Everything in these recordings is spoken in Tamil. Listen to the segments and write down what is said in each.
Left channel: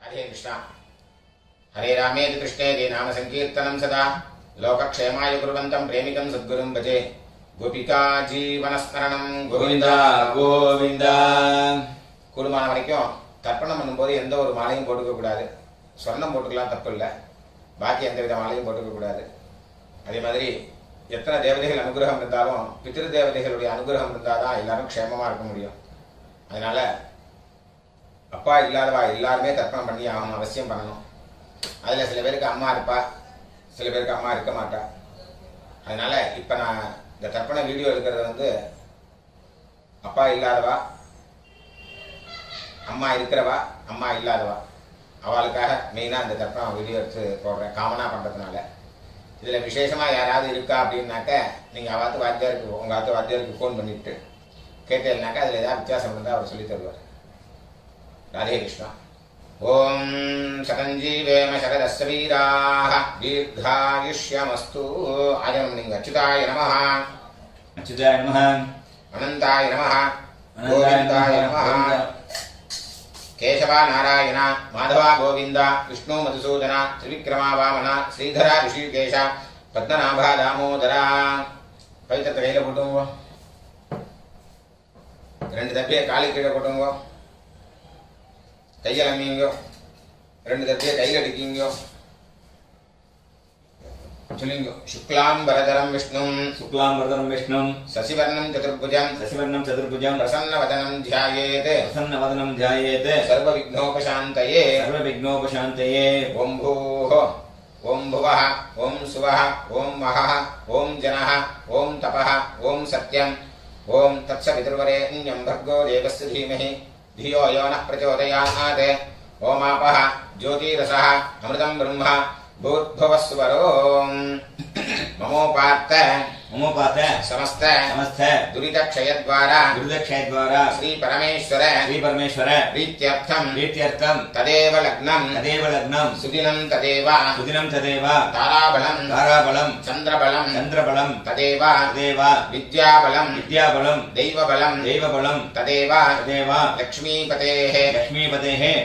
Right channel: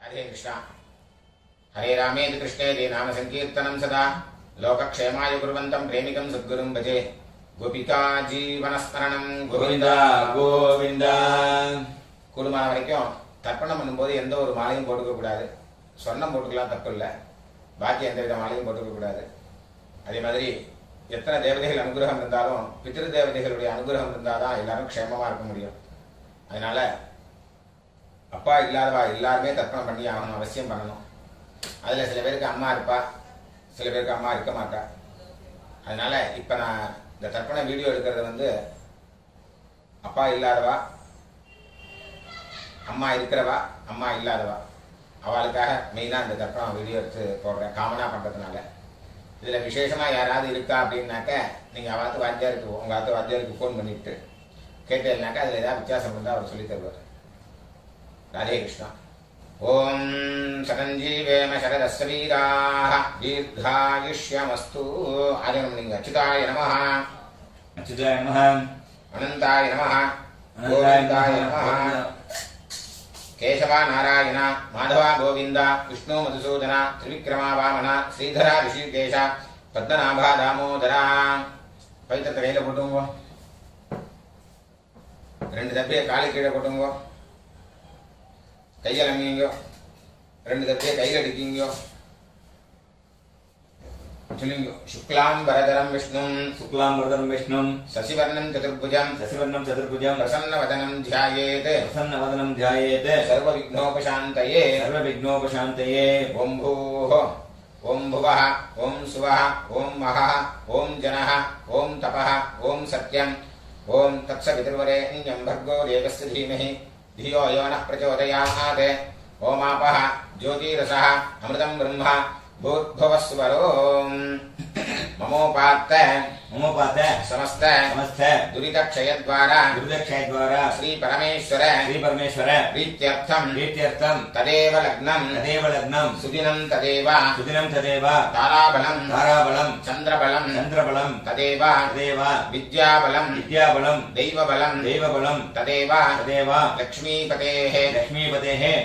राधे कृष्ण। हरे रामेति कृष्णेति नाम संकीर्तनं सदा लोकक्षेमाय कुर्वन्तं प्रेमिकं सद्गुरुं भजे। गोपिका जीवनस्मरणं गोविंदा गोविंदा। கூடுமான வரைக்கும் தர்ப்பணம் பண்ணும்போது எந்த ஒரு மாலையும் போட்டுக்க கூடாது. சொர்ணம் போட்டுக்கலாம், தப்பு இல்லை. பாக்கி எந்த வித மாலையும் போட்டுக்க கூடாது. அதே மாதிரி எத்தனை தேவதைகள் அனுகிரகம் இருந்தாலும் பித்ரு தேவதைகளுடைய அனுகிரகம் இருந்தால் தான் எல்லாரும் க்ஷேமமாக இருக்க முடியும். அதனால அப்பா இல்லாதவா எல்லாருமே தர்ப்பணம் பண்ணி ஆகணும், அவசியம் பண்ணணும். அதில் சில பேருக்கு அம்மா இருப்பா, சில பேருக்கு அம்மா இருக்க மாட்டா. அதனால இப்போ நான் இந்த தர்ப்பண வீடியோ எடுக்கிறது அப்பா இல்லாதவா, அம்மா இருக்கிறவா, அம்மா இல்லாதவா அவளுக்காக மெயினாக இந்த தர்ப்பணம் வீடியோ எடுத்து போடுறேன், காமனாக பண்ணுறதுனால. இதில் விசேஷமாக யாராவது இருக்கா அப்படின்னாக்க நீங்கள் அவாத்து வாத்தியாருக்கு, உங்கள் ஆத்து வாத்தியாருக்கு ஃபோன் பண்ணிவிட்டு கேட்டேன்னாக்கா அதில் ஏதாவது வித்தியாசம் இருந்தால் அவர் சொல்லி தருவார். राधे कृष्ण। ओम सकंजीवेम शरदस्वीराः दीर्घायुष्यमस्तु। आजनमलिंग अच्युताय नमः, अच्युताय नमः, अनंताय नमः, गोविंदाय नमः। केशवा नारायण माधवा गोविंद विष्णु मधुसूदन त्रिविक्रमा वामन श्रीधरा ऋषिकेश पद्मनाभा दामोदरा। पवित्र கையில போட்டுங்க, ரெண்டு தப்பியை காலு கீழே போட்டுங்க, கையில் அம்மிங்க, ரெண்டு தட்டியை கையில் அடிக்கிங்க. சொல்லுங்க. शुक्लांबरधरं विष्णुं शुक्लांबरधरं विष्णुं शशिवर्णं चतुर्भुजं प्रसन्नवदनं ध्यायेत् सर्वविघ्नोपशान्तये ओम भूः ओम भुवः ओम सुवः ओम महः ओम जनः ओम तपः ओम सत्यं ओम तत्सवितुर्वरेण्यं भर्गो देवस्य धीमहि धियो यो नः प्रचोदयात्। ओमापः ज्योतिरसः अमृतं ब्रह्म भूर्भुवस्वरो। ममोपात्त समस्त दुरितक्षयद्वारा श्री परमेश्वर प्रीत्यर्थं तदेव लग्नं सुदिनं तदेव ताराबलं चंद्रबलं तदेव विद्याबलं दैवबलं तदेव लक्ष्मीपतेः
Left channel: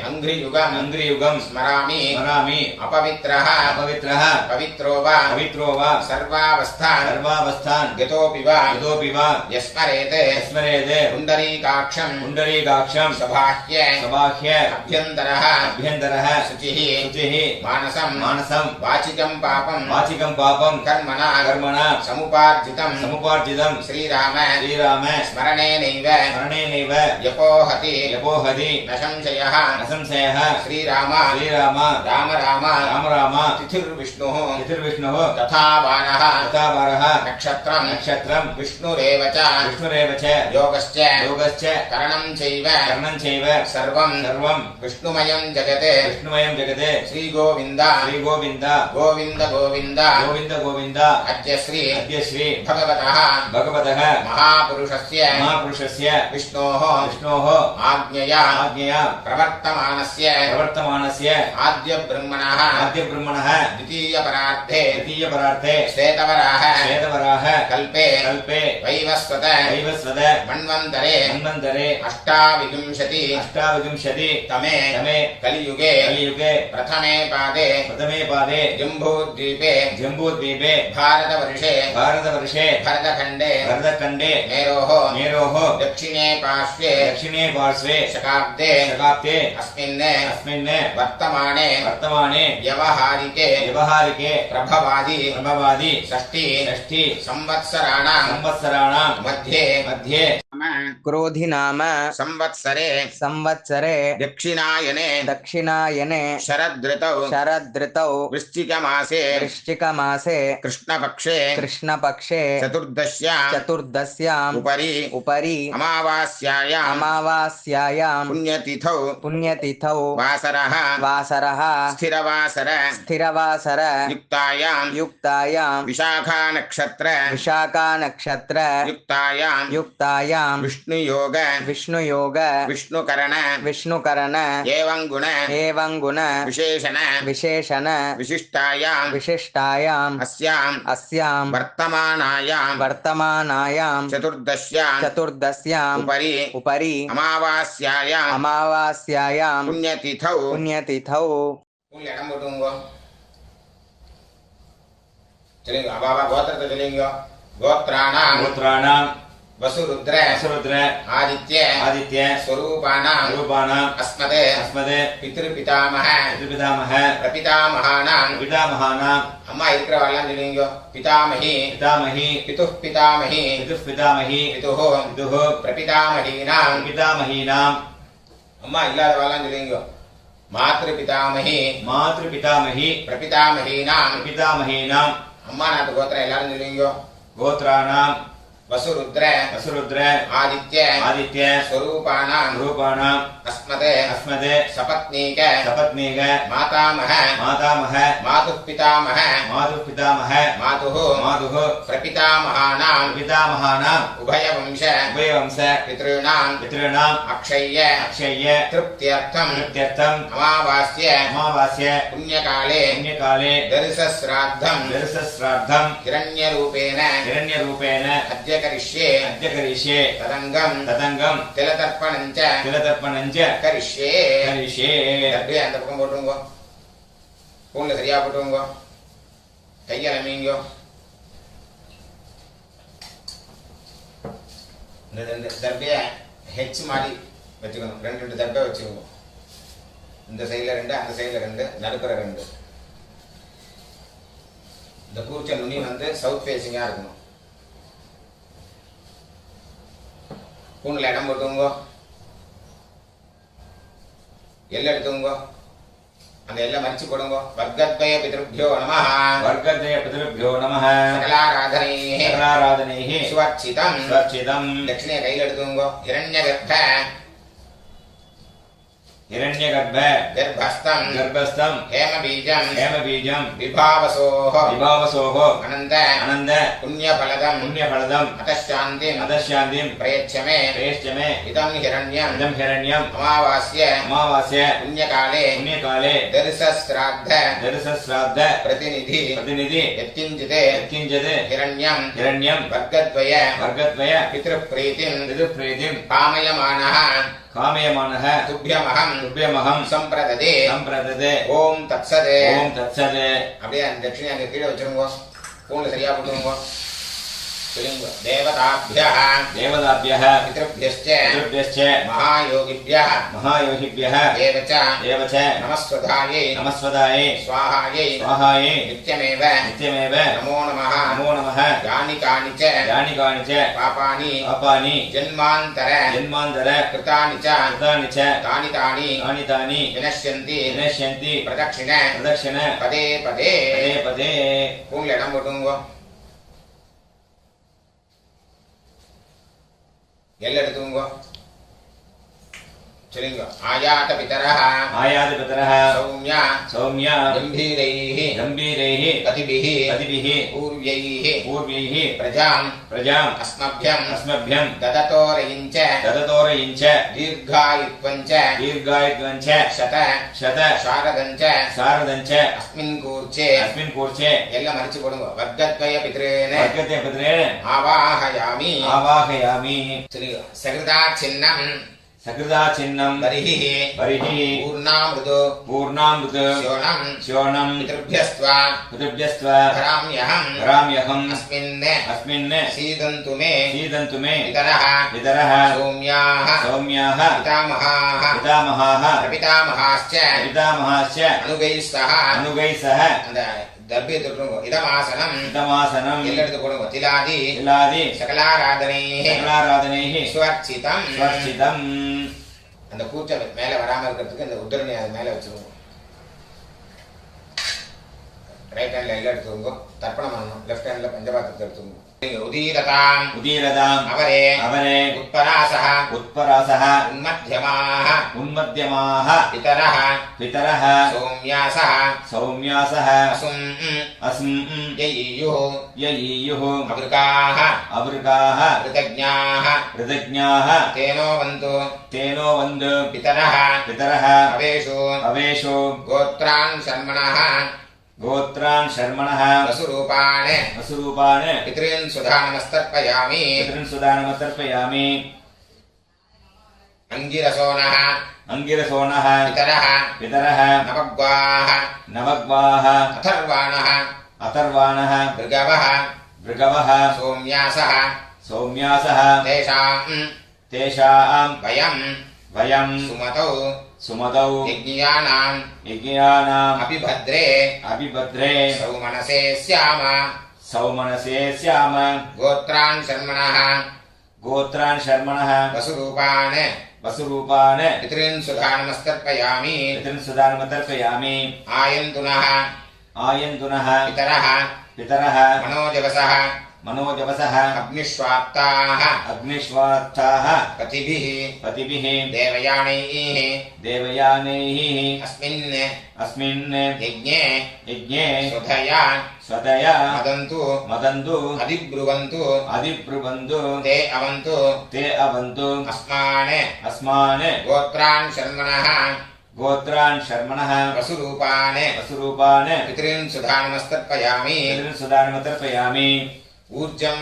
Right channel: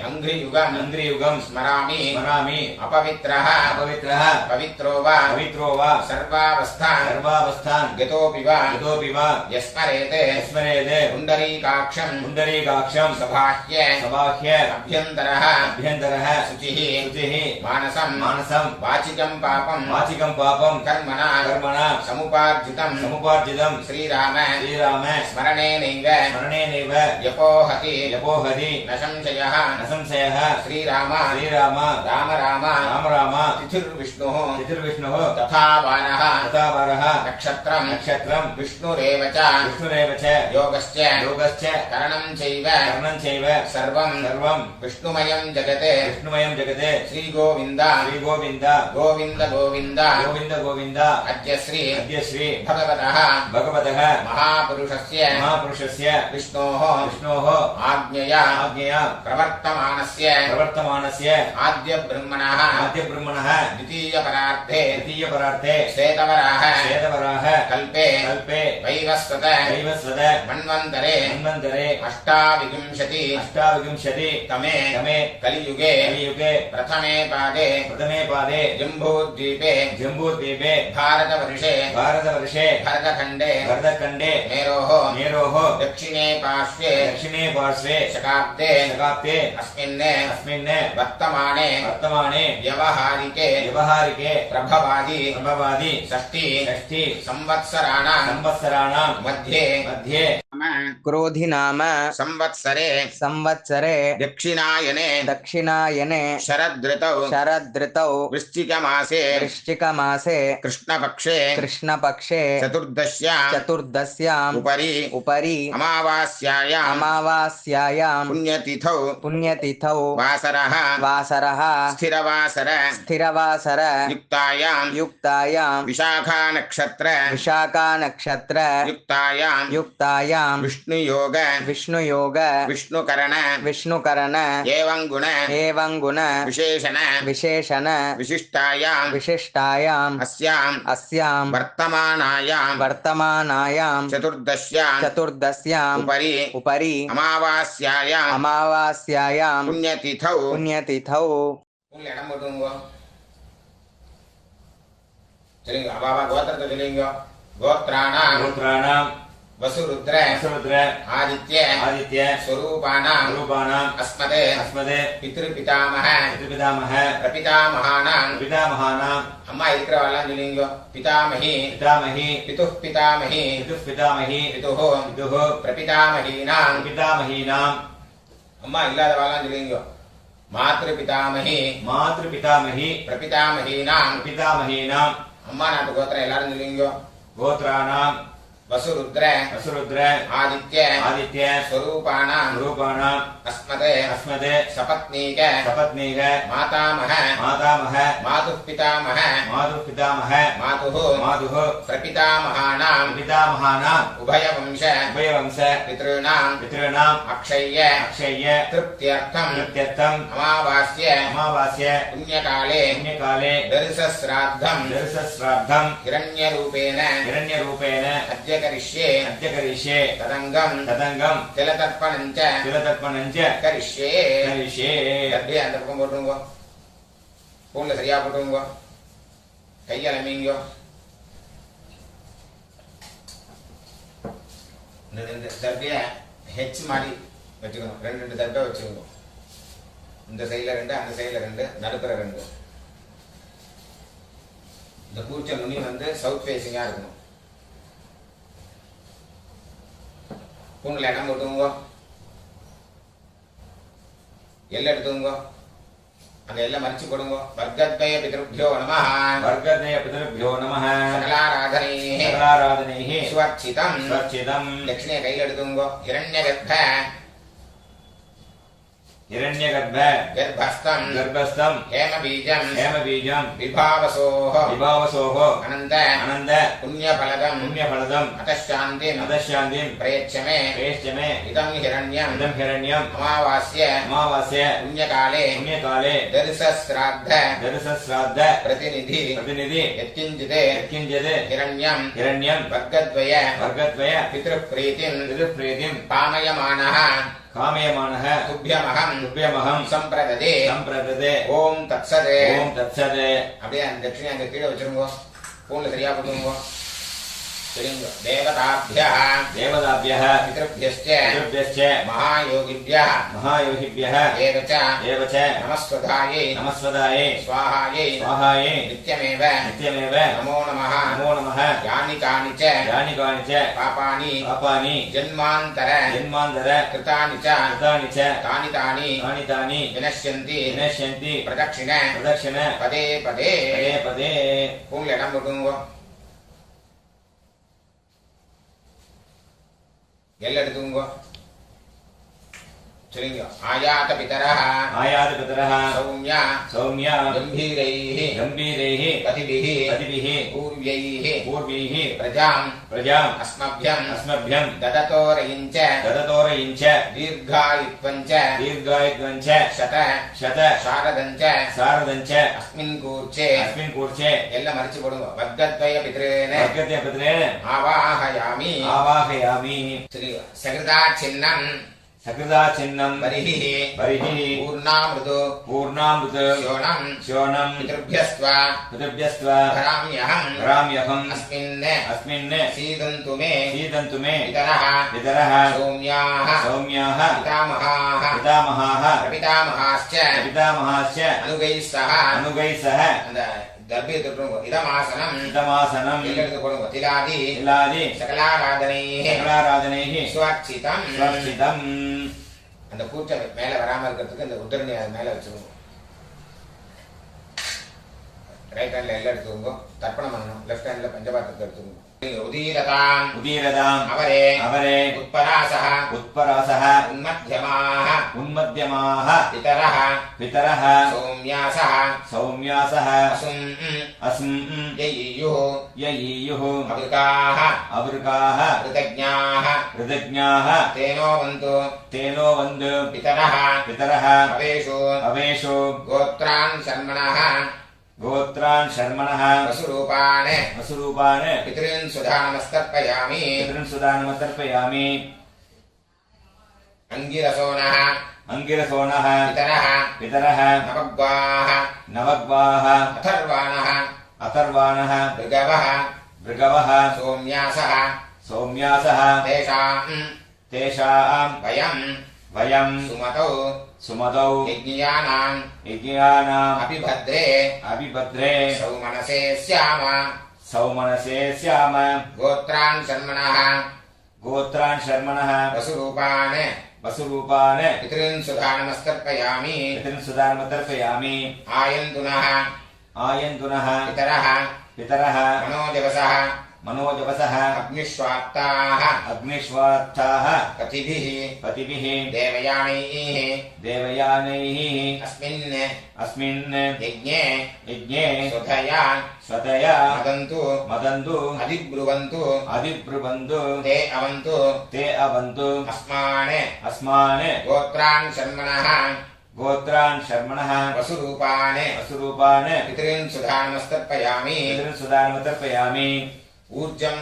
अंघ्रियुगं स्मरामि अपवित्रः पवित्रो वा सर्वावस्थान् गतोऽपि वा यस्मरेत् पुण्डरीकाक्षं सबाह्य अभ्यन्तरः शुचिः मानसं वाचिकं पापं कर्मणा समुपार्जितं श्रीराम स्मरणेनैव यपोहति न संशयः श्रीराम राम तिथिर्विष्णुः तथा वारः नक्षत्रं विष्णुरेव च योगश्च करणं चैव सर्वं विष्णुमयं जगत् श्री गोविंद अद्य श्री भगवतः महापुरुषस्य विष्णोः आज्ञया प्रवर्तमानस्य आद्य ब्रह्मणः द्वितीयपरार्थे श्वेतवराह कल्पे वैवस्वत मन्वन्तरे अष्टाविंशति तमे कलियुगे प्रथमे पादे जम्बूद्वीपे भारतवर्षे भरतखण्डे मेरोः दक्षिणे पार्श्वे शकाब्दे अस्मिन् वर्तमाने व्यवहारिके प्रभवादि षष्ठी संवत्सराणां मध्ये क्रोधि नाम संवत्सरे दक्षिणायने शरदृतौ वृश्चिकमासे कृष्णपक्षे चतुर्दश्याम् उपरि अमावास्यायां पुण्यतिथौ वासरः स्थिरवासर युक्तायां विशाखा नक्षत्र विशाखा नक्षत्र युक्तायां विष्णुयोग विष्णुकरण एवं गुण विशेषण विशिष्टायाम् अस्यां वर्तमानायां चतुर्दश्याम् उपरि अमावास्यायां पुण्यतिथौ இடம் போட்டுங்க சொல்லுங்க பாபா கோத்திரத்தை சொல்லுங்க கோத்ராணாம் வசுருத்ர ஆதித்ய ஸ்வரூபானாம் அஸ்மதே பித்ருபிதாமக பிரபிதாமகானாம் அம்மா இருக்கிறவாள்லாம் சொல்லுங்க பிதாமகி பிதுः பிதாமகி பிதுः பிரபிதாமகீனாம் அம்மா இல்லாதவாள்லாம் சொல்லுங்க மாத்ருபிதாமகி பிரபிதாமகீனாம் அம்மா நாட்டு கோத்திரம் எல்லாரும் சொல்லுவீங்க கோத்ராணாம் வசுருத்ர ஆதித்ய ஸ்வரூபானாம் அஸ்மதே சபத்னீக மாதாமக மாதுः பிதாமக மாதுः பிரபிதாமகானாம் உபயவம்ச பித்ருணாம் அக்ஷய்ய திருப்தியர்த்தம் அமாவாஸ்ய புண்ணியகாலே தரிசஸ்ராத்தம் ஹிரண்யரூபேண अद्य करिष्ये तदंगम तिलतर्पणञ्च करिष्ये அப்படியே அந்த பக்கம் போட்டுருங்க பூன்ல சரியா போட்டுருங்க கையால மீங்க ரெண்டு தர்பிய ஹெச் மாதிரி வச்சுக்கணும் ரெண்டு தர்பை வச்சுக்கோங்க இந்த சைடுல 2 அந்த சைடுல 2 நடுப்புற 2 இந்த கூர்ச்ச நுனி வந்து சவுத் ஃபேசிங்கா இருக்கணும் பூன்ல இடம் போட்டுங்க எல்லை எடுத்துங்க அந்த எல்லாம் மறிச்சு போடுங்க வர்க்கத்வய பிதృభ్యோ நமः சகலாராதனைஹி சுவர்ச்சிதம் தட்சிணைய கையில் எடுத்துங்க हिरण्यगर्भ गर्भस्थं हेमबीजं विभावसोः अनन्त पुण्यफलदं अतश्शान्तिं प्रयच्छ मे इदं हिरण्यम् अमावास्य पुण्यकाले दर्शश्राद्ध प्रतिनिधि यत्किञ्चित् हिरण्यं वर्गद्वय पितृप्रीतिं पामयमानः कामयमानः तुभ्यमहं संप्रददे ओम तत्सद அப்படியே அந்த தட்சிணை அங்க கீழே வச்சிருங்க பூன்ல சரியா போடுங்க சொல்லுங்க தேவதாभ्यः பித்ருभ्यश्च महायोगिभ्यः देवच नमस्वधायै स्वाहायै नित्यमेव नमो नमः यानि कानि च पापानि जन्मान्तर कृतानि च तानि विनश्यन्ति प्रदक्षिण पदे பூன்ல இடம் போடுங்க எல்லை எடுத்துங்க சொல்லுங்க ஆயாத பிதரஹ சௌம்ய கம்பீரைஹ பதிபிஹ பூர்வைஹ பிரஜாம் அஸ்மभ्यं தததோரயிஞ்ச தீர்காயுத்வஞ்ச சத சாரதஞ்ச அஸ்மின் கூர்ச்சே எல்லாம் மறிச்சு போடுங்க வர்க்கத்வய பித்ரேன ஆவாஹயாமி சொல்லுங்க சகிருதா சின்னம் बरिहि पूर्णामृत श्योणं पितृभ्यस्त्व धराम्यहम् अस्मिन् सीदन्तु मे पितरः सौम्याः पितामहाः प्रपितामहाश्च अनुगैः सह दर्भे தொட்டுங்க இதமாசனம் எல்லை எடுத்து போடுங்க திலாதி சகலாராதனைஹி சுவர்ச்சிதம் அந்த கூச்சம் மேல வராம இருக்கிறதுக்கு இந்த உத்தரணி அது மேல வச்சுக்கோங்க ரைட் ஹேண்ட்ல எல்லாம் எடுத்துக்கோங்க. தர்ப்பணம் பண்ணணும். லெஃப்ட் ஹேண்ட்ல பஞ்சபாத்திரத்தை எடுத்துக்கோங்க. உதீரதாம் உதீரதாம் அவரே அவரே உத்பராசः உத்பராசः உன்மத்யமாः உன்மத்யமாः பிதரः பிதரः சௌம்யாசः சௌம்யாசः அசும் அஸ்ம் யயியுः யயியுः அவ்ருகாः அவ்ருகாः கிருதஜ்ஞாः கிருதஜ்ஞாः தேனோ வந்து தேனோ வந்து பிதரः பிதரः அவேஷு அவேஷு கோத்ரான் சர்மணः गोत्रान् शर्मणः वसुरूपान् वसुरूपान् पितॄन् सुधानमस्तर्पयामि पितॄन् सुदानमतर्पयामि अङ्गिरसोनः अङ्गिरसोनः पितरः पितरः नवग्वाः नवग्वाः अथर्वाणः अथर्वाणः भृगवः भृगवः सोम्यासः सौम्यासः तेषाम् वयम् सुमतौ सुमतौ यज्ञियानाम् अपिभद्रे सौमनसे स्याम गोत्रान् शर्मणः वसुरूपान् पितॄन् सुधानमस्तर्पयामि आयन्तुनः पितरः मनोजवसः अग्निष्वाप्ताः पतिभिः देवयानैः अस्मिन् यज्ञे स्वतया मदन्तु अधिब्रुवन्तु ते अवन्तु अस्मान् गोत्रान् शर्मणः वसुरूपान् पितॄन् सुधानमस्तर्पयामि ऊर्जं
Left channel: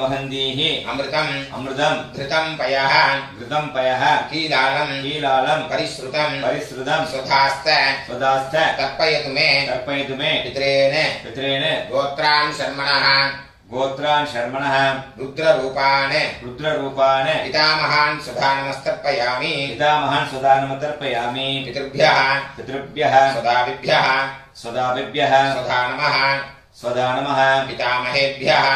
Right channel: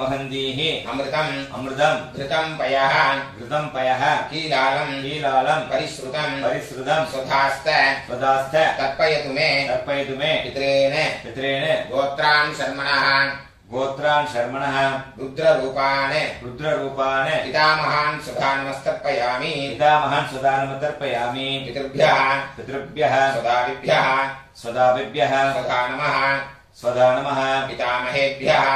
वहन्तीः अमृतं घृतं पयः कीलालं परिश्रुतं स्वधास्त तर्पयतु मे पितॄन् गोत्रान् शर्मणः रुद्ररूपान् पितामहान् सुधानमस्तर्पयामि पितृभ्यः स्वदाभिभ्यः स्वधा नमः पितामहेभ्यः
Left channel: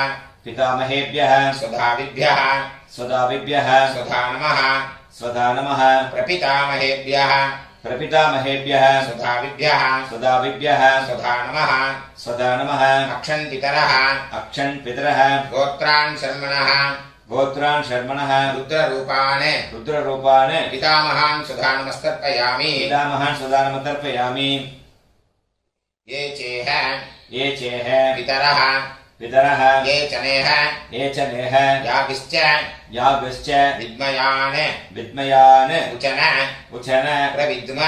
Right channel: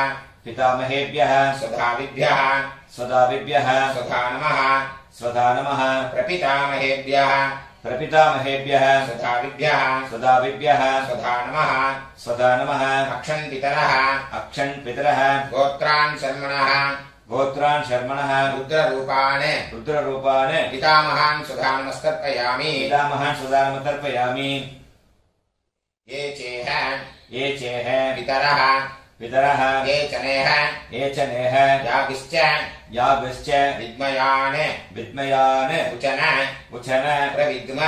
स्वधाभिभ्यः स्वधा नमः प्रपितामहेभ्यः स्वधाभिभ्यः स्वधा नमः अक्षन्पितरः गोत्रान् शर्मणः रुद्ररूपान् पितामहान् सुधानमस्तर्पयामि ये चेह पितरः ये चनेह याभिश्च विद्मयान् उचन प्रविद्म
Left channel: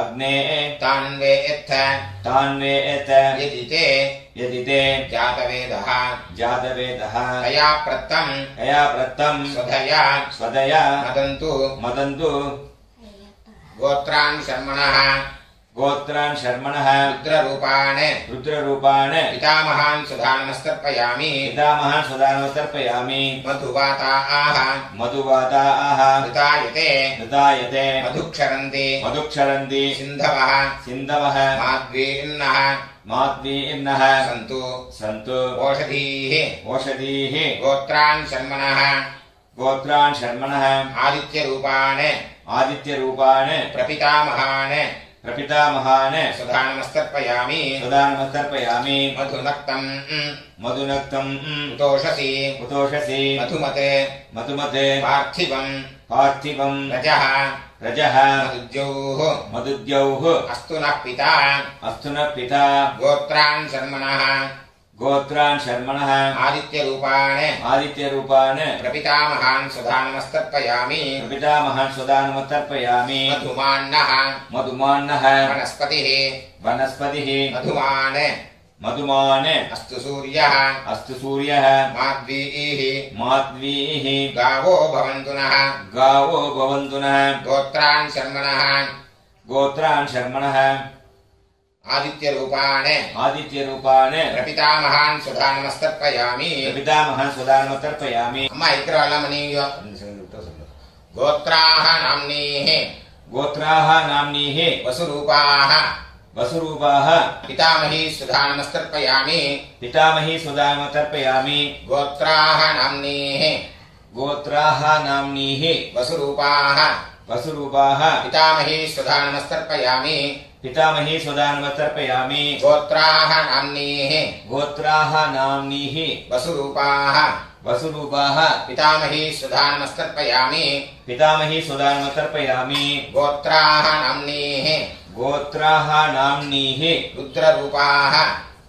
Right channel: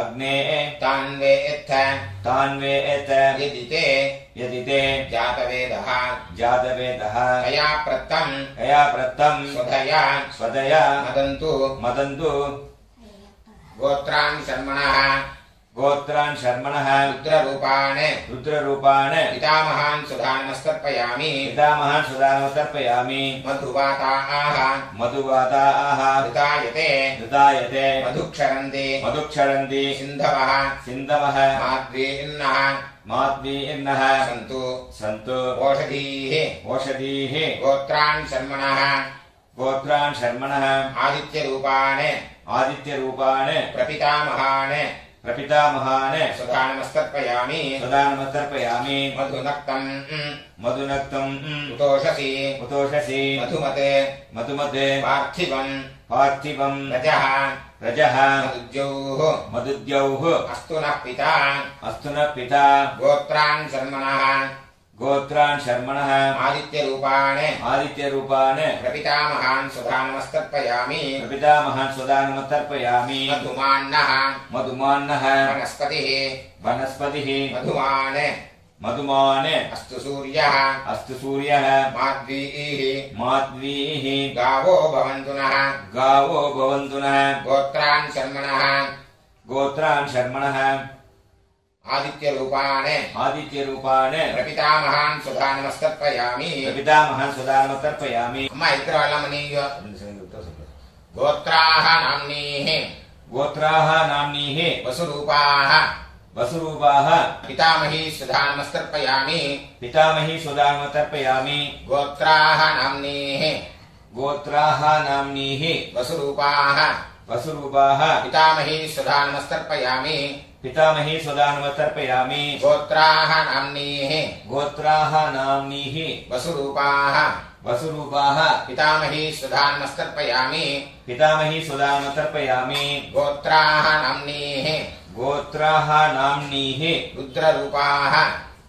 अग्ने तान्वेत्थ यदि ते जातवेदः तया प्रत्तं स्वधया मदन्तु गोत्रान् शर्मणः रुद्ररूपान् पितामहान् सुधानमस्तर्पयामि मधुवाताः ऋतायते मधुक्षरन्ति सिन्धवः माद्वीर्नः सन्तु ओषधीः गोत्रान् शर्मणः आदित्यरूपान् प्रपितामहान् सुधानमस्तर्पयामि मधुनक्तम् उतोषसि मधुमते पार्थिवम् रजः मदुद्यौः अस्तु नः पिता गोत्रान् शर्मणः आदित्यरूपान् प्रपितामहान् सुधानमस्तर्पयामि मधुमान्नः वनस्पतिः मधुमान् अस्तु सूर्यः माद्वीः गावो भवन्तु नः गोत्रान् शर्मणः आदित्यरूपान् प्रपितामहान् सुधानमस्तर्पयामि अम्मा इक्कड मनीयो गोत्राः नाम्नीः वसुरूपाः पितामही सुधानमस्तर्पयामि गोत्राः नाम्नीः वसुरूपाः वसुरूपाः पितामही सुधा नमस्तर्पयामि पितामही सुदानमतर्पयामि गोत्राः नाम्नीः गोत्राः नाम्नीः वसुरूपाः वसुरूपाः पितामही सुधा नमस्तर्पयामि पितामही सुदानमतर्पयामि गोत्राः नाम्नीः गोत्राः नाम्नीः रुद्ररूपाः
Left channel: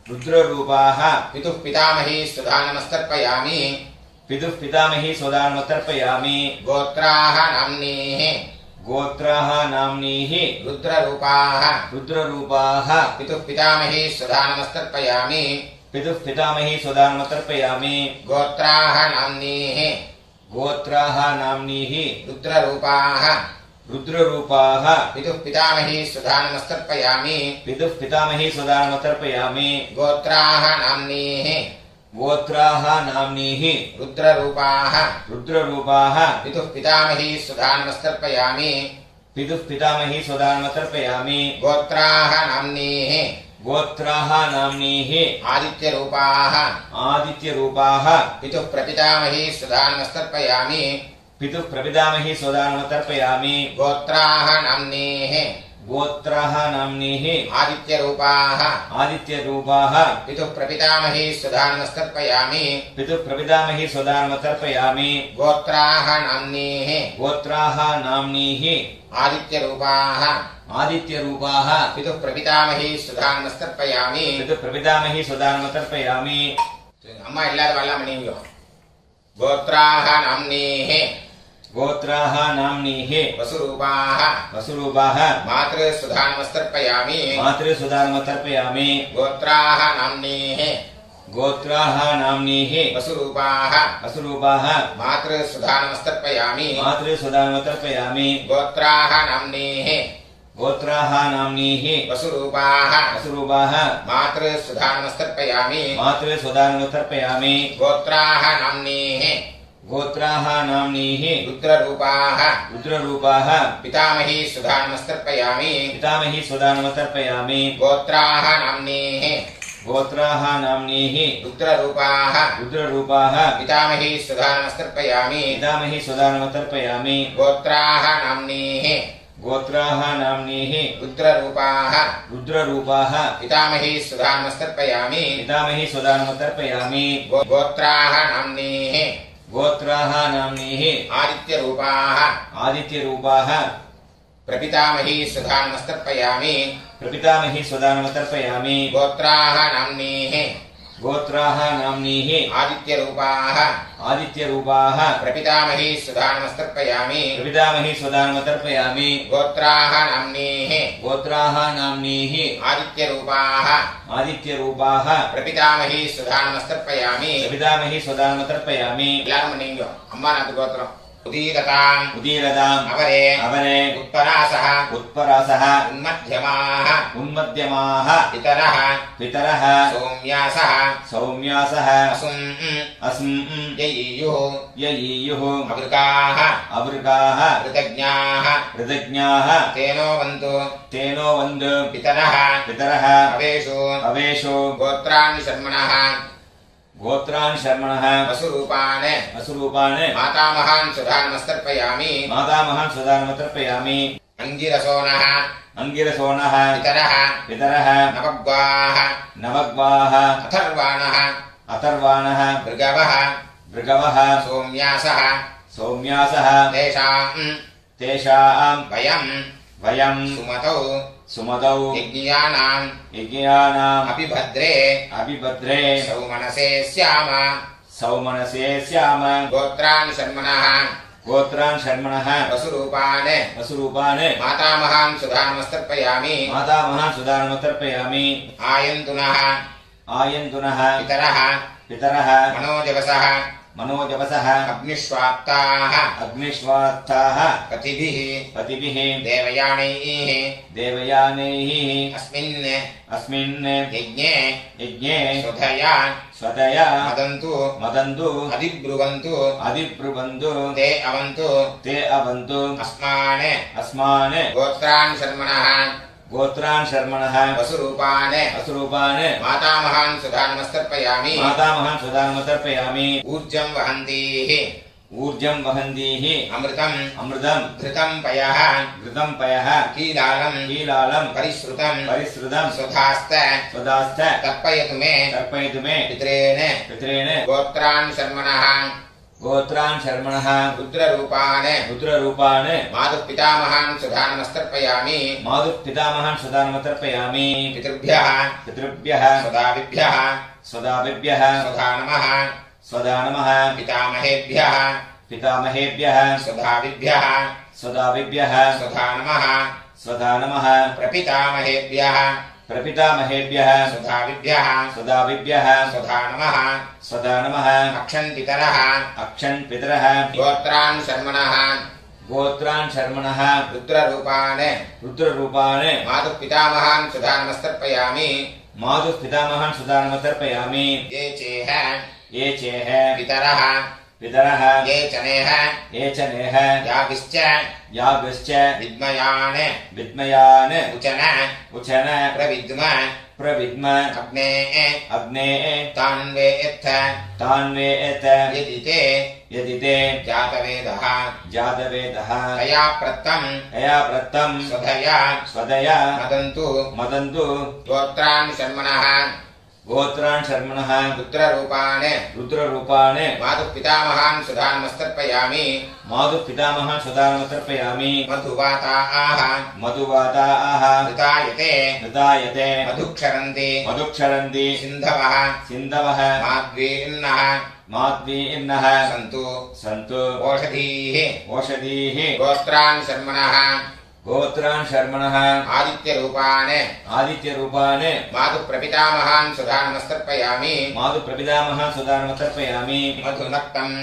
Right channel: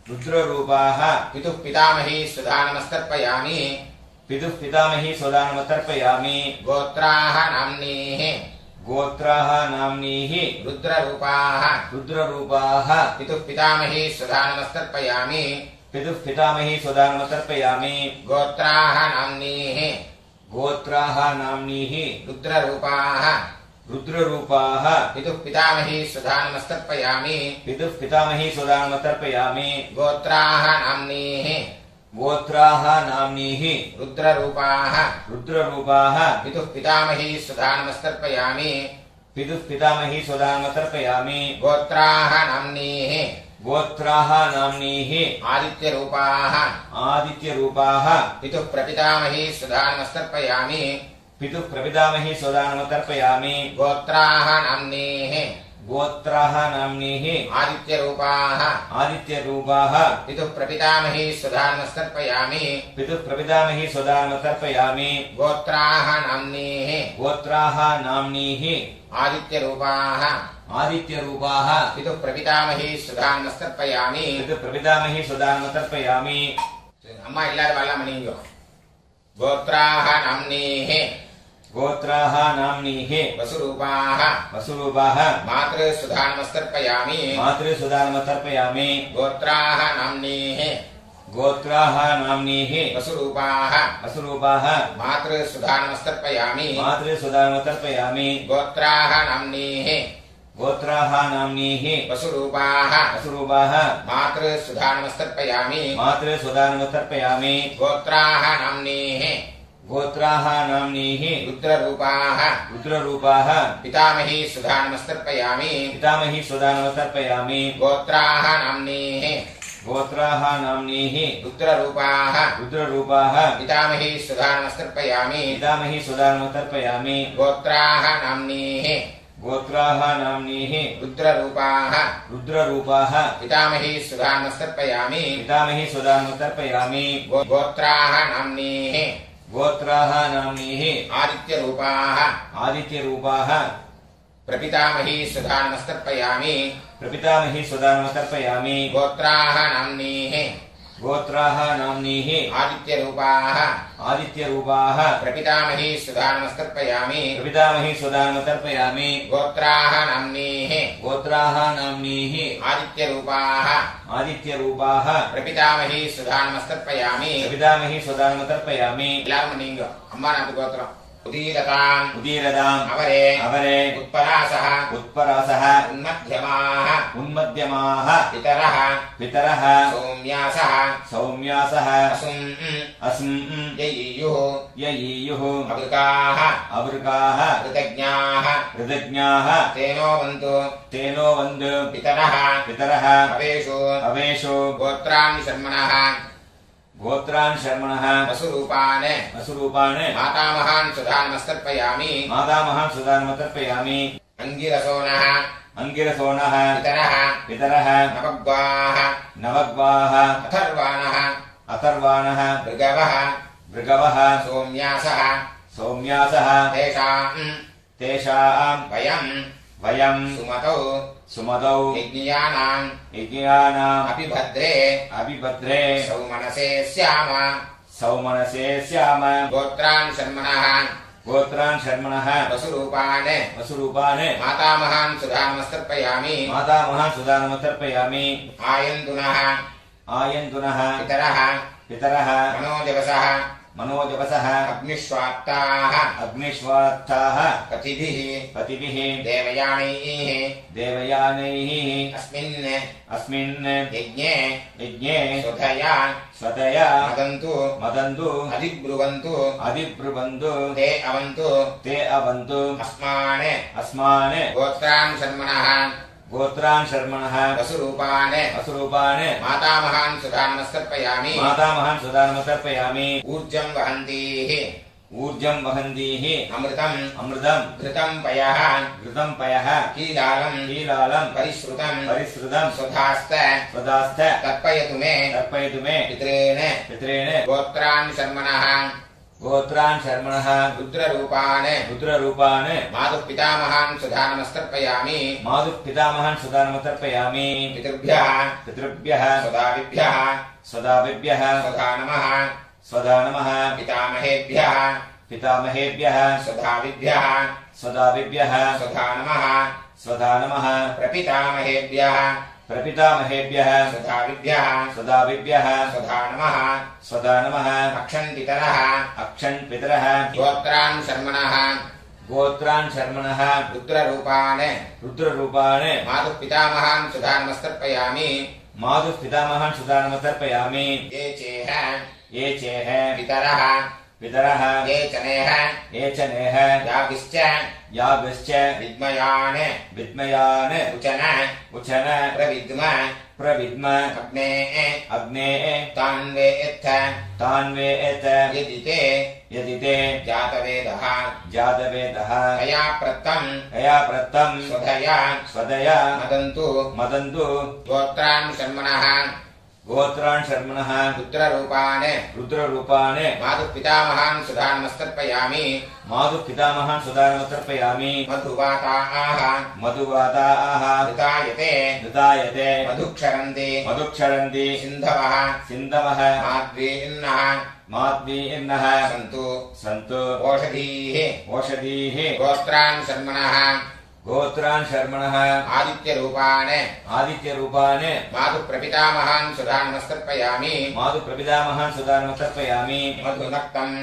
रुद्ररूपाः पितुः पितामही सुधा नमस्तर्पयामि पितुः पितामही सुदानमतर्पयामि गोत्राः नाम्नीः गोत्राः नाम्नीः रुद्ररूपाः रुद्ररूपाः पितुः पितामही सुधा नमस्तर्पयामि पितुः पितामही सुदानमतर्पयामि गोत्राः नाम्नीः गोत्राः नाम्नीः रुद्ररूपाः रुद्ररूपाः पितुः पितामही सुधा नमस्तर्पयामि पितुः पितामही सुदानमतर्पयामि गोत्राः नाम्नीः गोत्राः नाम्नीः रुद्ररूपाः रुद्ररूपाः पितुः पितामही सुधा नमस्तर्पयामि पितुः पितामही सुदानमतर्पयामि गोत्राः नाम्नीः गोत्राः नाम्नीः आदित्यरूपाः आदित्यरूपाः पितुः प्रपितामही सुधा नमस्तर्पयामि पितुः प्रपितामही सुदानमतर्पयामि गोत्राः नाम्नीः गोत्राः नाम्नीः आदित्यरूपाः आदित्यरूपाः पितुः प्रपितामही सुधा नमस्तर्पयामि पितुः प्रपितामही सुदानमतर्पयामि गोत्राः नाम्नीः गोत्राः नाम्नीः आदित्यरूपाः आदित्यरूपाः पितुः प्रपितामही सुधा नमस्तर्पयामि पितुः प्रपितामही सुदानमतर्पयामि अम्मा எல்லாரும் வரலாம் பண்ணீங்க गोत्राः नाम्नीः गोत्राः नाम्नीः वसुरूपाः वसुरूपाः मातृ सुधा नमस्तर्पयामि मातृसुदानमतर्पयामि गोत्राः नाम्नीः गोत्राः नाम्नीः वसुरूपाः वसुरूपाः मातृ सुधा नमस्तर्पयामि मातृसुदानमतर्पयामि गोत्राः नाम्नीः गोत्राः नाम्नीः वसुरूपाः वसुरूपाः मातृ सुधा नमस्तर्पयामि मातृसुदानमतर्पयामि गोत्राः नाम्नीः गोत्राः नाम्नीः रुद्ररूपाः रुद्ररूपाः पितामही सुधा नमस्तर्पयामि पितामही सुदानमतर्पयामि गोत्राः नाम्नीः गोत्राः नाम्नीः रुद्ररूपाः रुद्ररूपाः पितामही सुधा नमस्तर्पयामि पितामही सुदानमतर्पयामि गोत्राः नाम्नीः गोत्राः नाम्नीः रुद्ररूपाः रुद्ररूपाः पितामही सुधा नमस्तर्पयामि पितामही सुदानमतर्पयामि गोत्राः नाम्नीः गोत्राः नाम्नीः आदित्यरूपाः आदित्यरूपाः प्रपितामही सुधा नमस्तर्पयामि प्रपितामही सुदानमतर्पयामि गोत्राः नाम्नीः गोत्राः नाम्नीः आदित्यरूपाः आदित्यरूपाः प्रपितामही सुधा नमस्तर्पयामि प्रपितामही सुदानमतर्पयामि गोत्राः नाम्नीः गोत्राः नाम्नीः आदित्यरूपाः आदित्यरूपाः प्रपितामही सुधा नमस्तर्पयामि प्रपितामही सुदानमतर्पयामि எல்லாரும் பண்ணீங்க அம்மா நாத்து கோத்திரம் उदीरताम् उदीरदाम् अवरे अवरे उत्परासः उत्परासः उन्मध्यमाः उन्मध्यमाः पितरः पितरः सौम्यासः सौम्यासः असुम् अस्म् ययीयुः ययीयुः अवृकाः अवृकाः कृतज्ञाः कृतज्ञाः तेनो वन्तु तेनो वन्द् पितरः पितरः अवेषु अवेषु गोत्राणि शर्मणः गोत्रान् शर्मणः वसुरूपान् वसुरूपान् मातामहान् सुधा नमस्तर्पयामि मातामहान् सुदानमतर्पयामि अङ्गिरसोनः अङ्गिरसोनः पितरः पितरः नवग्वाः नवग्वाः अथर्वाणः अथर्वाणः भृगवः भृगवः सोम्यासः सौम्यासः तेषाम् वयम् सुमतौ सुमतौ यज्ञियानाम् अपिभद्रे सौमनसे स्याम सौमनसे स्याम गोत्रान् शर्मणः गोत्रान् शर्मणः वसुरूपान् मातामहान् सुधा नमस्तर्पयामि मातामहान् सुदानमतर्पयामि आयन्तुनः पितरः मनोजवसः अग्निष्वात्ताः पतिभिः देवयानैः अस्मिन् यज्ञे स्वधया मदन्तु अधिब्रुवन्तु ते अवन्तु अस्मान् गोत्रान् शर्मणः वसुरूपान् मातामहान् सुधा नमस्तर्पयामि ऊर्जं वहन्तीः ऊर्जं वहन्तीः अमृतम् अमृतं घृतं पयः घृतं पयः कीलालं कीलालं परिश्रुतं परिश्रुतं स्वधास्त स्वदास्थ तर्पयतु मे तर्पयतु मे पितॄन् गोत्रान् शर्मणः गोत्रान् शर्मणः रुद्ररूपान् रुद्ररूपान् मातुः पितामहान् सुधा नमस्तर्पयामि मातुः पितामहान् सुधा नमस्तर्पयामि पितृभ्यः पितृभ्यः स्वदाभिभ्यः स्वदाभिभ्यः स्वधा नमः स्वधा नमः पितामहेभ्यः पितामहेभ्यः स्वधाभिभ्यः स्वदाभिभ्यः स्वधा नमः स्वधा नमः प्रपितामहेभ्यः प्रपितामहेभ्यः स्वधाभिभ्यः स्वदाभिभ्यः स्वधा नमः स्वधा नमः अक्षन्पितरः अक्षन् पितरः गोत्रान् शर्मणः गोत्रान् शर्मणः रुद्ररूपान् रुद्ररूपान् मातुः पितामहान् सुधा नमस्तर्पयामि मातुः पितामहान् सुधा नमस्तर्पयामि ये चेह ये चेह पितरः पितरः ये च नेह ये च नेह याभिश्च याभिश्च विद्मयान् विद्मयान् उचन उचन प्रविद्म प्रविद्म अग्ने अग्ने तान्वेत्थ तान्वेत यदि ते यदि ते जातवेदः जातवेदः तया प्रत्तं तया प्रत्तं स्वधया स्वदया मदन्तु मदन्तु गोत्रान् शर्मणः गोत्रान् शर्मणः रुद्ररूपान् रुद्ररूपान् मातुः पितामहान् सुधा नमस्तर्पयामि मातुः पितामहान् सुधा नमस्तर्पयामि मधुवाताः मधुवाताः ऋतायते ऋतायते मधुक्षरन्ति मधुक्षरन्ति सिन्धवः सिन्धवः माद्वीर्नः माद्वीर्नः सन्तु सन्तु ओषधीः ओषधीः गोत्रान् शर्मणः गोत्रान् शर्मणः आदित्यरूपान् आदित्यरूपान् मातुः प्रपितामहान् सुधा नमस्तर्पयामि मातुः प्रपितामहान् सुधा नमस्तर्पयामि मधुनक्तम्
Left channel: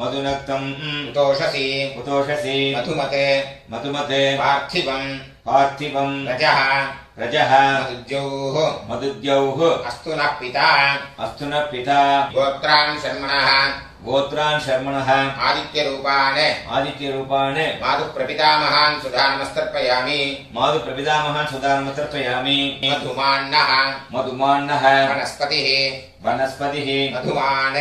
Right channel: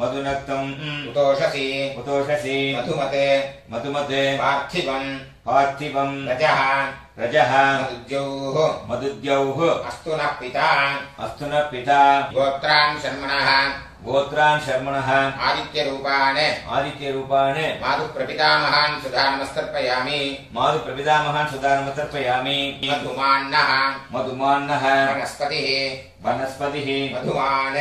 मधुनक्तम् उतोषसि उतोषसि मधुमते मधुमते पार्थिवम् पार्थिवम् रजः रजः मधुद्यौः मधुद्यौः अस्तु नः पिता अस्तु नः पिता गोत्रान् शर्मणः गोत्रान् शर्मणः आदित्यरूपान् आदित्यरूपान् मातुः प्रपितामहान् सुधा नमस्तर्पयामि मातुः प्रपितामहान् सुधा नमस्तर्पयामि मधुमान्नः मधुमान्नः वनस्पतिः वनस्पतिः मधुमान्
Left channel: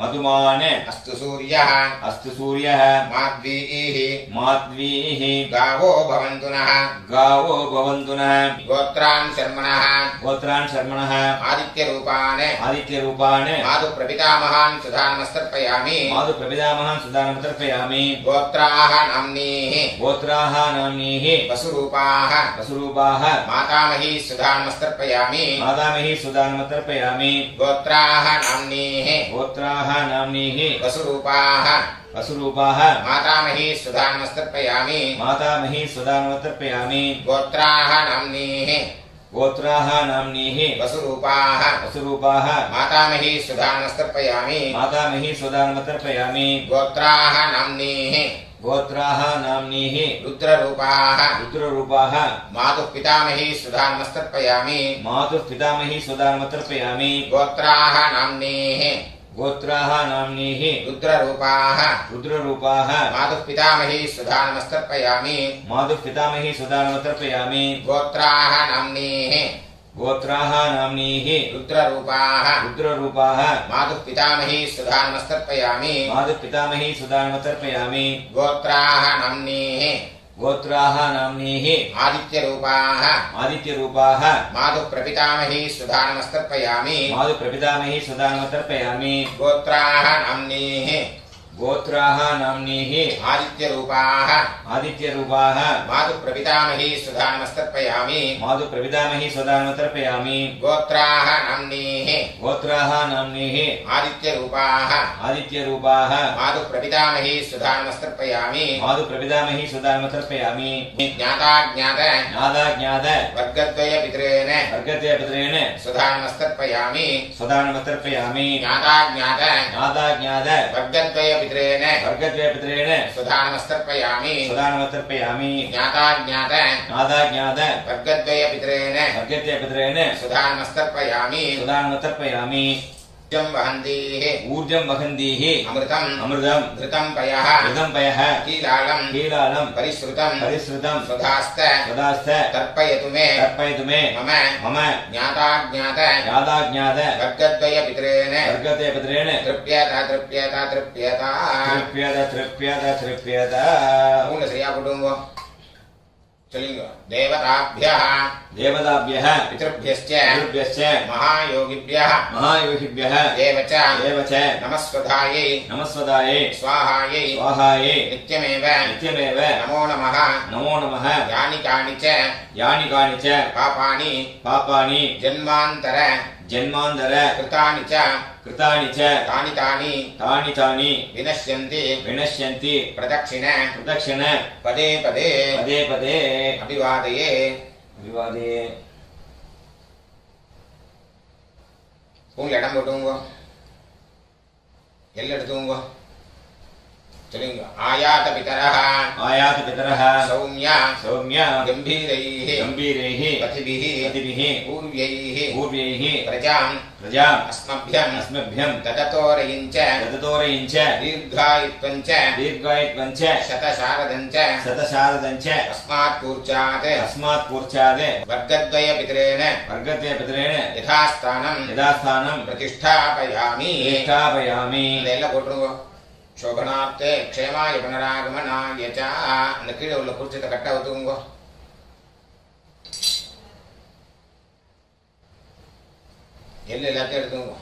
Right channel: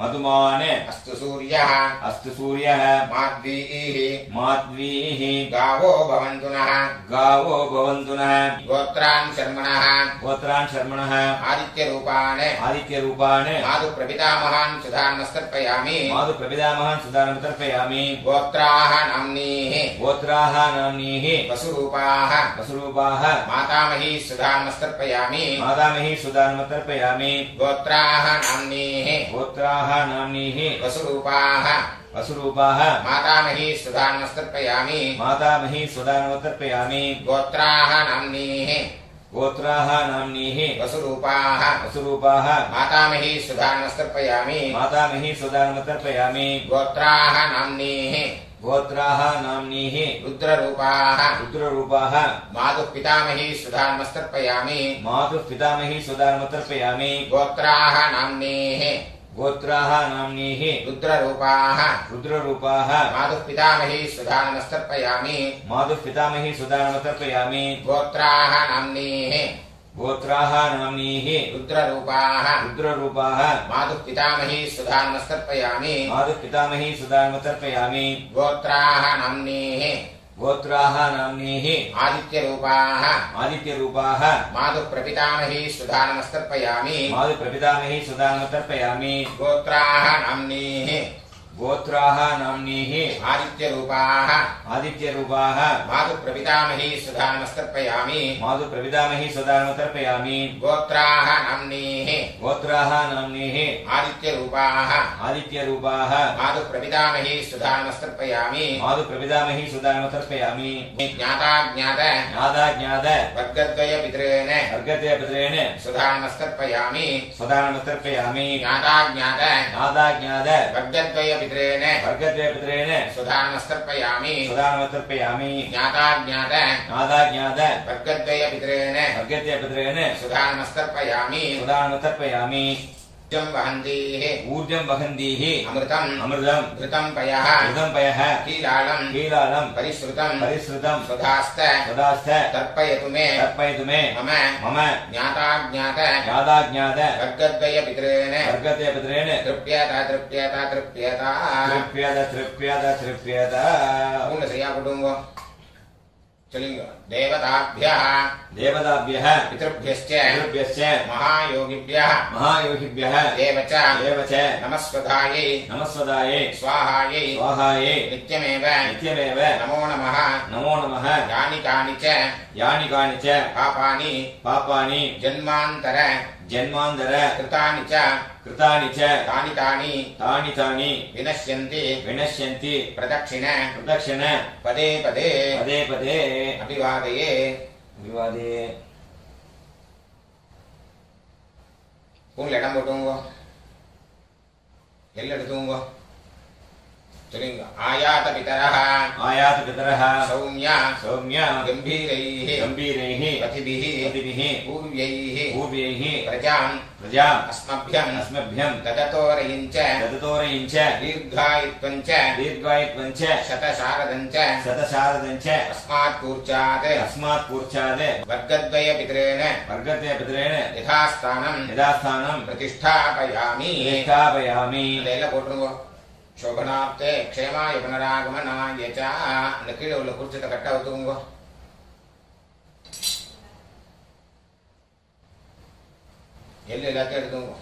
मधुमान् अस्तु सूर्यः अस्तु सूर्यः माद्वीः माध्वीः गावो भवन्तु नः गावो भवन्तु नः गोत्रान् शर्मणः गोत्रान् शर्मणः आदित्यरूपान् आदित्यरूपान् मातुः प्रपितामहान् सुधा नमस्तर्पयामि मातुः प्रपितामहान् सुधा नमस्तर्पयामि गोत्राः नाम्नीः गोत्राः नाम्नीः वसुरूपाः वसुरूपाः मातामही सुधा नमस्तर्पयामि मातामही सुधा नमस्तर्पयामि गोत्राः नाम्नीः गोत्राः नाम्नीः वसुरूपाः वसुरूपाः मातामही सुधा नमस्तर्पयामि मातामही सुधा नमस्तर्पयामि गोत्राः नाम्नीः गोत्राः नाम्नीः वसुरूपाः वसुरूपाः मातामही सुधा नमस्तर्पयामि मातामही सुधा नमस्तर्पयामि गोत्राः नाम्नीः गोत्राः नाम्नीः रुद्ररूपाः रुद्ररूपाः मातुः पितामही सुधा नमस्तर्पयामि मातुः पितामही सुधा नमस्तर्पयामि गोत्राः नाम्नीः गोत्राः नाम्नीः रुद्ररूपाः रुद्ररूपाः मातुः पितामही सुधा नमस्तर्पयामि मातुः पितामही सुधा नमस्तर्पयामि गोत्राः नाम्नीः गोत्राः नाम्नीः रुद्ररूपाः रुद्ररूपाः मातुः पितामही सुधा नमस्तर्पयामि मातुः पितामही सुधा नमस्तर्पयामि गोत्राः नाम्नीः गोत्राः नाम्नीः आदित्यरूपाः आदित्यरूपाः मातुः प्रपितामही सुधा नमस्तर्पयामि मातुः प्रपितामही सुधा नमस्तर्पयामि गोत्राः नाम्नीः गोत्राः नाम्नीः आदित्यरूपाः आदित्यरूपाः मातुः प्रपितामही सुधा नमस्तर्पयामि मातुः प्रपितामही सुधा नमस्तर्पयामि गोत्राः नाम्नीः गोत्राः नाम्नीः आदित्यरूपाः आदित्यरूपाः मातुः प्रपितामही सुधा नमस्तर्पयामि मातुः प्रपितामही सुधा नमस्तर्पयामि ज्ञाताज्ञात ज्ञाताज्ञात वर्गद्वय पितॄन् वर्गद्वय पितॄन् सुधा नमस्तर्पयामि सुधा नमस्तर्पयामि ज्ञाताज्ञात ज्ञाताज्ञात वर्गद्वय पितॄन् वर्गद्वय पितॄन् सुधा नमस्तर्पयामि सुधा नमस्तर्पयामि ज्ञाताज्ञात ज्ञाताज्ञात वर्गद्वय पितॄन् वर्गद्वय पितॄन् सुधा नमस्तर्पयामि सुधा नमस्तर्पयामि ऊर्जं वहन्तीः ऊर्जं वहन्तीः अमृतम् अमृतं घृतं पयः घृतं पयः कीलालं कीलालं परिश्रुतं स्वधास्त स्वदास्त तर्पयतु मे मे मम मम ज्ञाताज्ञात ज्ञाताज्ञात वर्गद्वय पितरेण वर्गते पितरेण तृप्यता तृप्यत पूर्ण श्रिया कुटुंबो चलिंग देवताभ्यः पितृभ्यश्च महायोगिभ्यः एव च नमस्वधायै स्वाहायै नित्यमेव नमो नमः यानि कानि च पापानि जन्मान्तर कृतानि च तानि विनश्यन्ति प्रदक्षिण पदे पदे अभिवादये பூண்ல இடம் போட்டுங்க எல்லாம் எடுத்துங்க சொல்லுங்க ஆயாத பிதரஹ சௌம்யா கம்பீரைः பதிபிः பூர்வைः பிரஜாம் அஸ்மभ्यं தததோரயிஞ்ச தீர்காயித்வஞ்ச சதசாரதஞ்ச அஸ்மாத் கூர்ச்சாத் வர்க்கத்வய பிதரேன யதாஸ்தானம் பிரதிஷ்டாபயாமி இதெல்லாம் போட்டுருங்க शोभनार्थे क्षेमाय पुनरागमनाय च அந்த கீழே உள்ள குறிச்சிட்ட கட்ட ஊத்துங்க எல்லாத்தையும் எடுத்துங்க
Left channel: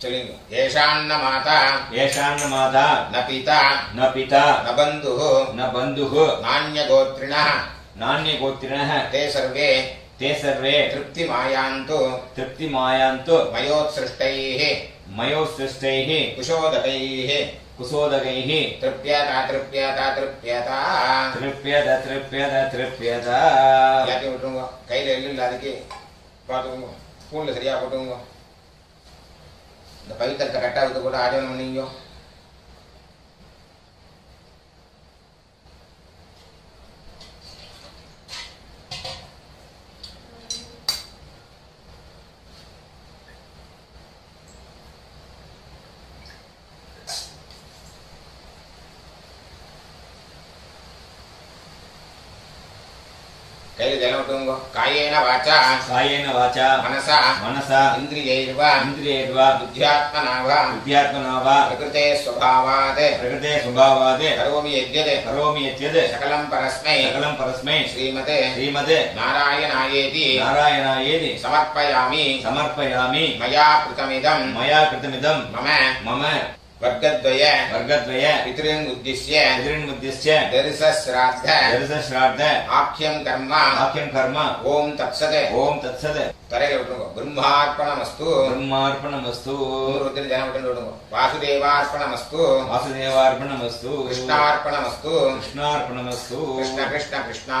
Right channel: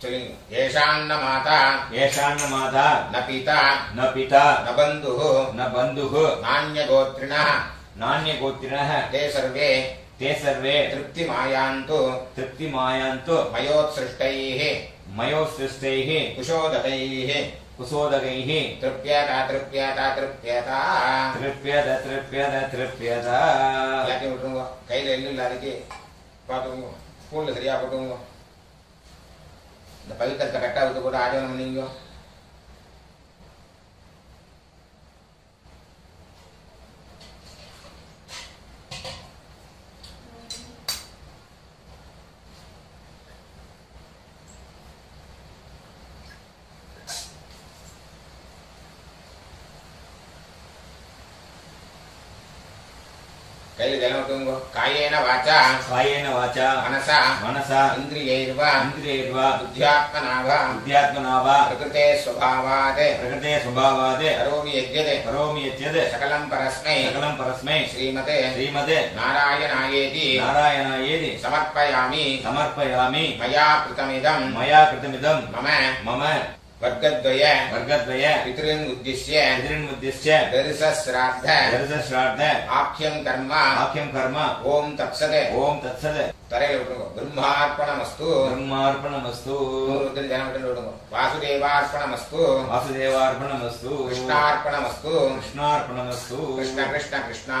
சொல்லுங்க ஏஷான்ன மாதா ந பிதா ந பந்துः நான்யகோத்ரிணः ते सर्वे तृप्तिमायान्तु मयोत्सृष्टैः कुशोदकैः तृप्यता எல்லாத்தையும் விட்டுருங்க கையில எள்ளு இல்லாதக்கு பார்த்துக்கோங்க ஸ்பூன்ல சரியா போட்டுங்க இந்த பவித்திரத்தை கட்டா விட்டு கூட ஆஜவனம் பண்ணீங்க கையில ஜலம் விட்டுங்க காயேன வாச்சா மனசா இந்திரியைர்வா புத்தியாத்மனா பிரகிருதே ஸ்வபாவாத் கரோமி யத்யத் சகலம் பரஸ்மை ஸ்ரீமதே நாராயணாயேதி சமர்ப்பயாமி மயா கிருதமிதம் மம वर्गद्वय पितॄन् उद्दिश्य दर्शश्राद्ध आख्यं कर्म ओम तत्सत् तरेल विटुंगो ब्रह्मार्पणमस्तु जन विटुंगो वासुदेवार्पणमस्तु कृष्णार्पणमस्तु कृष्ण कृष्ण